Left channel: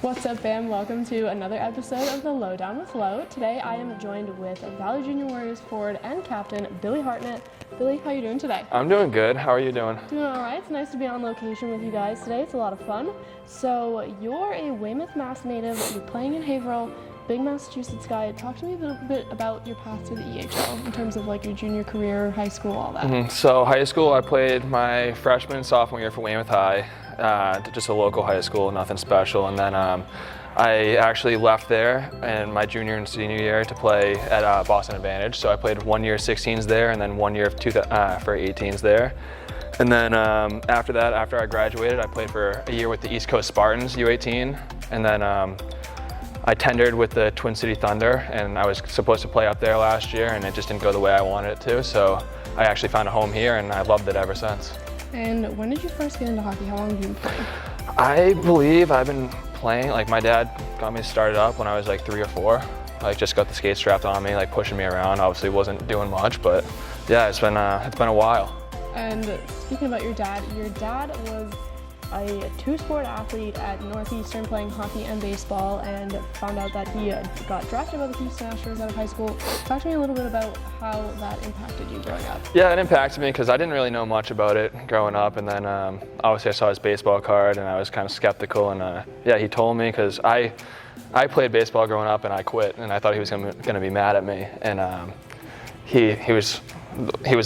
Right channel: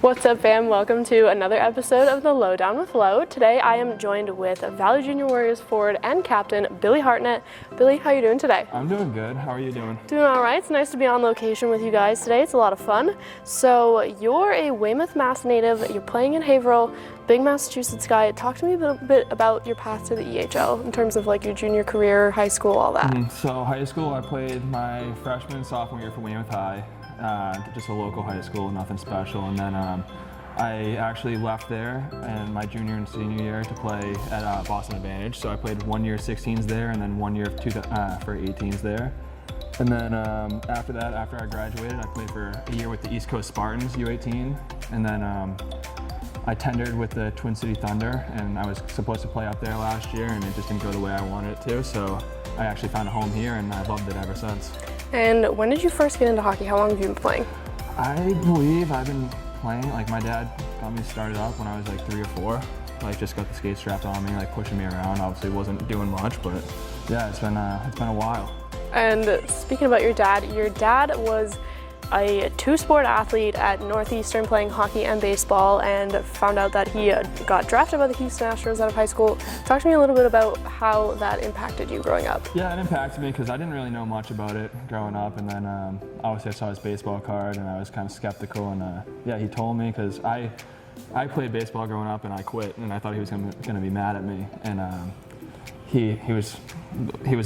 What's up, fam? Welcome to another episode of The Lowdown with Lo. Today I am joined with Valley Junior Warriors forward and captain Billy Hartnett. Billy, how are you doing today? I'm doing good. How are you doing? Doing all right. It's nice to be on location with you guys today. It's a lot of fun. So you're a Weymouth, Mass native. You're playing in Haverhill, big Massachusetts guy. Talk to me a little bit about your path to the ECHL in terms of like your junior career, high school, all that. So high school, I played my freshman and sophomore year for Weymouth High. Just a local high school, nothing special. And then I actually left there in my junior and senior year to play at Boston Advantage. So I played 1 year 16s there and then 1 year for 18s there. And then after that, after I graduated, I played for a year with the East Coast Spartans, U18. And then I tendered with the Twin City Thunder, and I was supposed to play up there last year, and it just didn't go the way I wanted it to. So I actually found a home here, and I loved it ever since. And when did you first get into hockey? How long have you been playing? I believe I've been playing, like my dad got me started up when I was like 3 or 4. Like just got the skate strapped on me, like pushing me around. Obviously wasn't doing much, but yeah, it's been a while. And speaking about your dad was a two-sport athlete at Northeastern playing hockey and baseball, and found out that he got drafted by the Houston Astros out of high school. Talk to me a little bit about how that impacted you growing up. Yeah, it impacted me because I didn't really know much about it growing up, and then obviously I saw his baseball card and I was kind of skeptical, and yeah, he told me because I played baseball growing up and I quit, and I thought he was going to be mad at me, and he was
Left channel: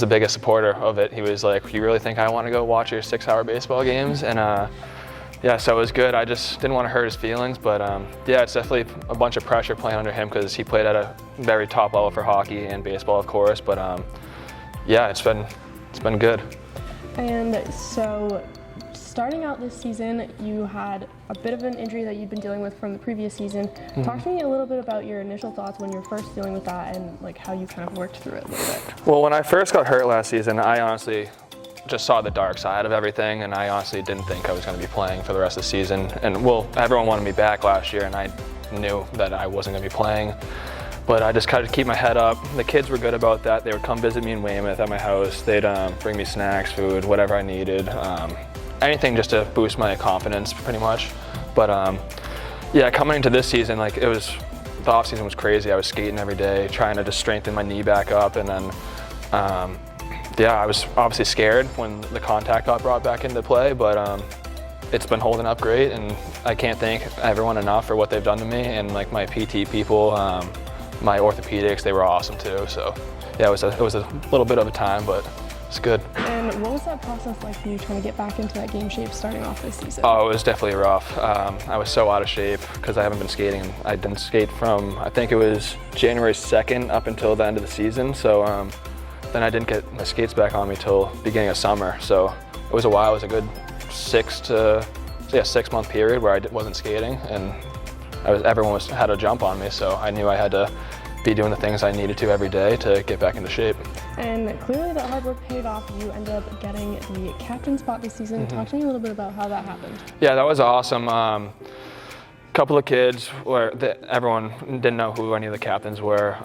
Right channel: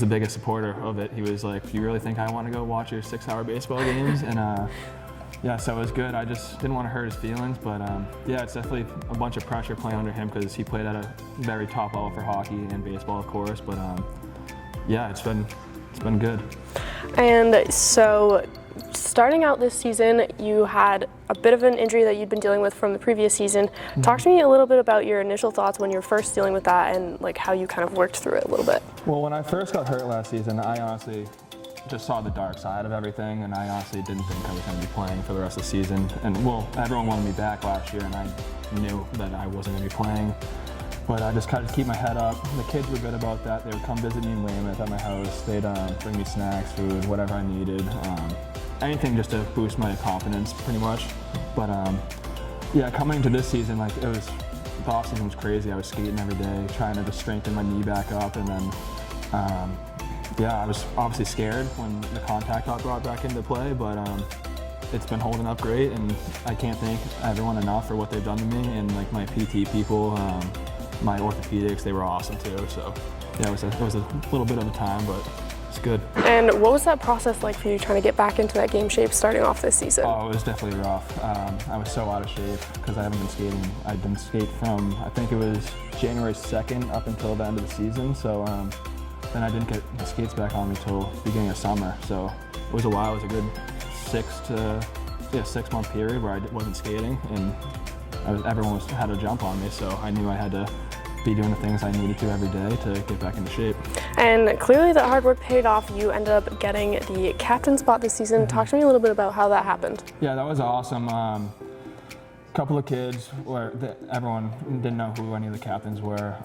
the biggest supporter of it. He was like, "You really think I want to go watch your 6-hour baseball games?" And yeah, so it was good. I just didn't want to hurt his feelings, but yeah, it's definitely a bunch of pressure playing under him because he played at a very top level for hockey and baseball, of course. But yeah, it's been good. And so, starting out this season, you had a bit of an injury that you'd been dealing with from the previous season. Talk to me a little bit about your initial thoughts when you were first dealing with that, and like how you kind of worked through it a little bit. Well, when I first got hurt last season, I honestly just saw the dark side of everything, and I honestly didn't think I was going to be playing for the rest of the season. And well, everyone wanted me back last year, and I knew that I wasn't going to be playing. But I just tried to keep my head up. The kids were good about that. They would come visit me in Weymouth at my house. They'd bring me snacks, food, whatever I needed. Anything just to boost my confidence, pretty much. But yeah, coming into this season, like the off season was crazy. I was skating every day, trying to just strengthen my knee back up, and then yeah, I was obviously scared when the contact got brought back into play, but it's been holding up great, and I can't thank everyone enough for what they've done to me, and like my PT people, my orthopedics, they were awesome too. So yeah, it was a little bit of a time, but it's good. And what was that process like for you trying to get back into that game shape starting off this season? Oh, it was definitely rough. I was so out of shape because I haven't been skating. I didn't skate from, I think it was January 2nd up until the end of the season. So then I didn't get my skates back on me till beginning of summer. So it was a while. It was a good 6 month period where I wasn't skating, and everyone had a jump on me. So I knew I had to be doing the things I needed to every day to get back into shape. And clearly that hard work paid off. You ended up getting the captain spot this season. Talk to me a little bit about how that happened. Yeah, that was awesome. Couple of kids everyone didn't know who any of the captains were.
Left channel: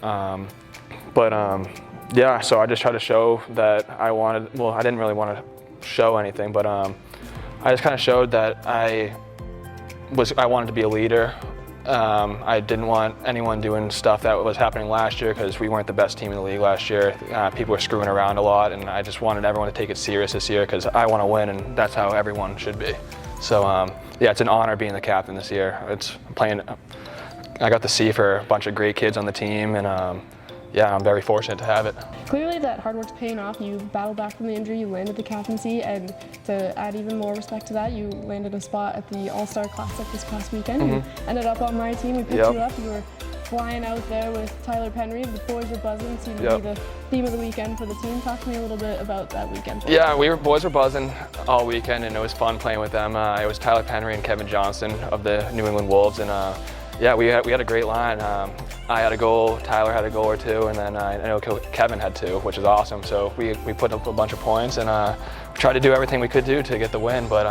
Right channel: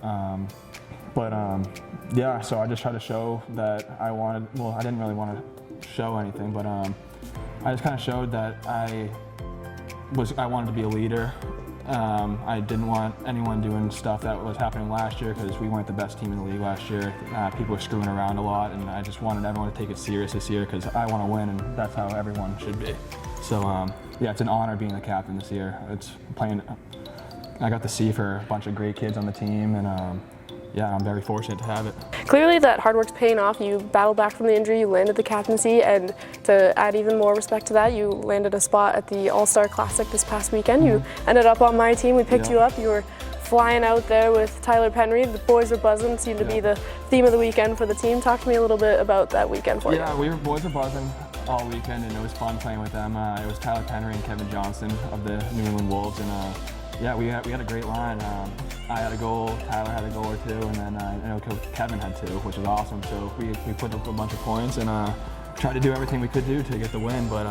Yeah, so I just tried to show that I didn't really want to show anything, but I just kind of showed that I wanted to be a leader. I didn't want anyone doing stuff that was happening last year because we weren't the best team in the league last year. People were screwing around a lot, and I just wanted everyone to take it serious this year because I want to win, and that's how everyone should be. So yeah, it's an honor being the captain this year. I got to see for a bunch of great kids on the team, and yeah, I'm very fortunate to have it. Clearly that hard work's paying off. You battled back from the injury, you landed the captaincy, and to add even more respect to that, you landed a spot at the AllStar Classic this past weekend. You ended up on my team. We picked you up. You were flying out there with Tyler Penry. The boys were buzzing. Seemed to be the theme of the weekend for the team. Talk to me a little bit about that weekend for you. Yeah, boys were buzzing all weekend, and it was fun playing with them. It was Tyler Penry and Kevin Johnson of the New England Wolves, and yeah, we had a great line. I had a goal, Tyler had a goal or two, and then I know Kevin had two, which is awesome. So we put up a bunch of points and tried to do everything we could do to get the win, but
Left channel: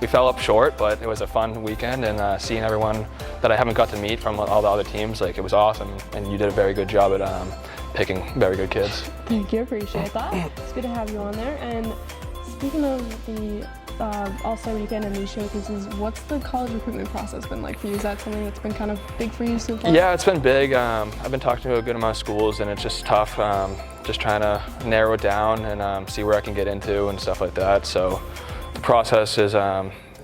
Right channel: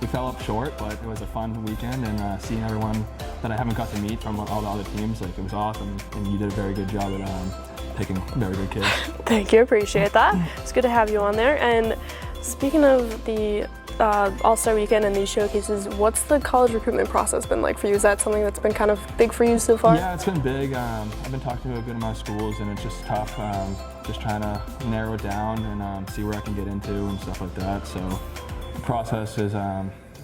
we fell up short, but it was a fun weekend, and seeing everyone that I haven't got to meet from all the other teams, like, it was awesome, and you did a very good job at picking very good kids. Thank you, appreciate that. It's good to have you on there. And speaking of the All-Star Weekend and these showcases, what's the college recruitment process been like for you? Is that something that's been kind of big for you so far? Yeah, it's been big. I've been talking to a good amount of schools, and it's just tough, just trying to narrow it down and see where I can get into and stuff like that. So the process is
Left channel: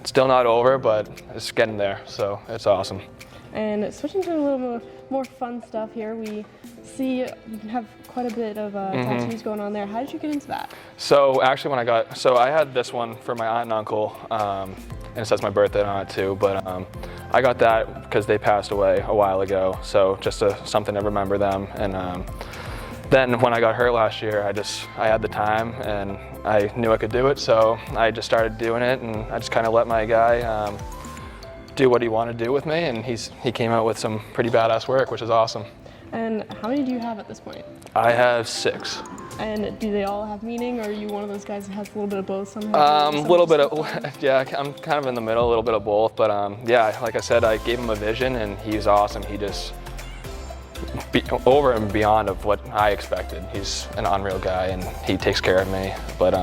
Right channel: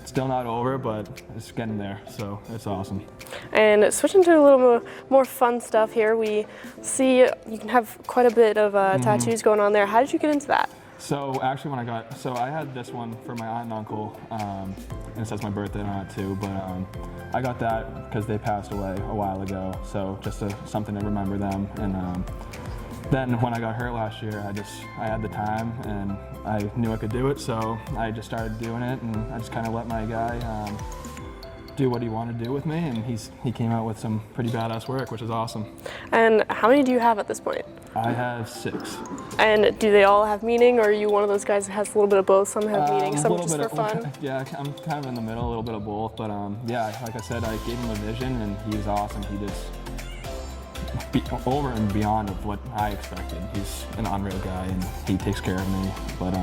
still not over, but it's getting there, so it's awesome. And switching to a little more fun stuff here, we see you can have quite a bit of tattoos going on there. How did you get into that? So actually I had this one for my aunt and uncle, and it says my birthday on it too, but I got that because they passed away a while ago, so just something to remember them. And then when I got hurt last year, I had the time and I knew I could do it, so I just started doing it, and I just kind of let my guy do what he wanted to do with me, and he came out with some pretty badass work, which is awesome. And how many do you have at this point? I have 6. And do they all have meaning, or are you one of those guys that has a little bit of both? Some have meaning, some just for fun? Yeah, I'm kind of in the middle, a little bit of both, but yeah, like I said, I gave him a vision, and he's awesome. He just over and beyond of what I expected. He's an unreal guy, and he takes care of me. But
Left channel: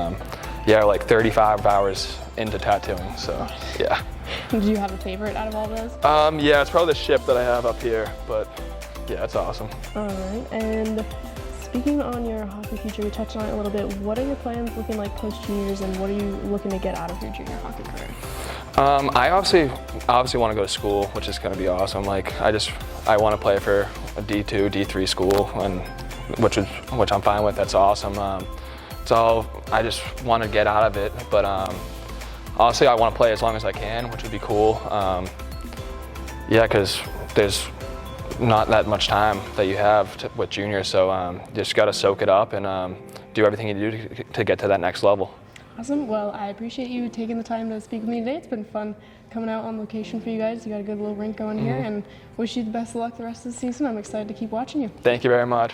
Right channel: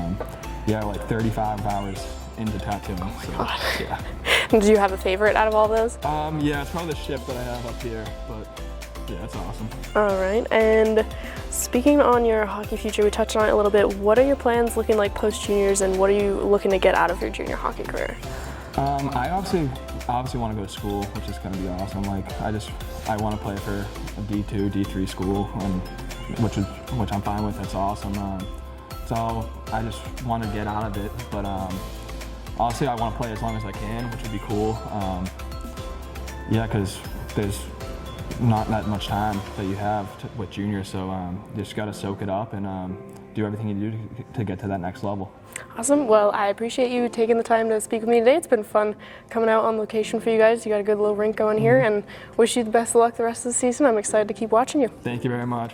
yeah, like 35 hours into tattooing, so yeah. Do you have a favorite out of all those? Yeah, it's probably the ship that I have up here, but yeah, it's awesome. All right, and speaking on your hockey future, we touched on it a little bit. What are your plans looking like post-juniors, and what are you looking to get out of your junior hockey career? I obviously want to go to school, which is going to be awesome. Like, I want to play for a D2, D3 school, and which I'm fine with. That's awesome. So I just want to get out of it, but honestly, I want to play as long as I can, which would be cool. Yeah, because there's not that much time that you have with juniors, so you just got to soak it up and do everything you do to get to that next level. Awesome. Well, I appreciate you taking the time to speak with me today. It's been fun coming out on location for you guys. You got a good little rink going here, and wish you the best of luck the rest of the season. I'm excited to keep watching you. Thank you very much.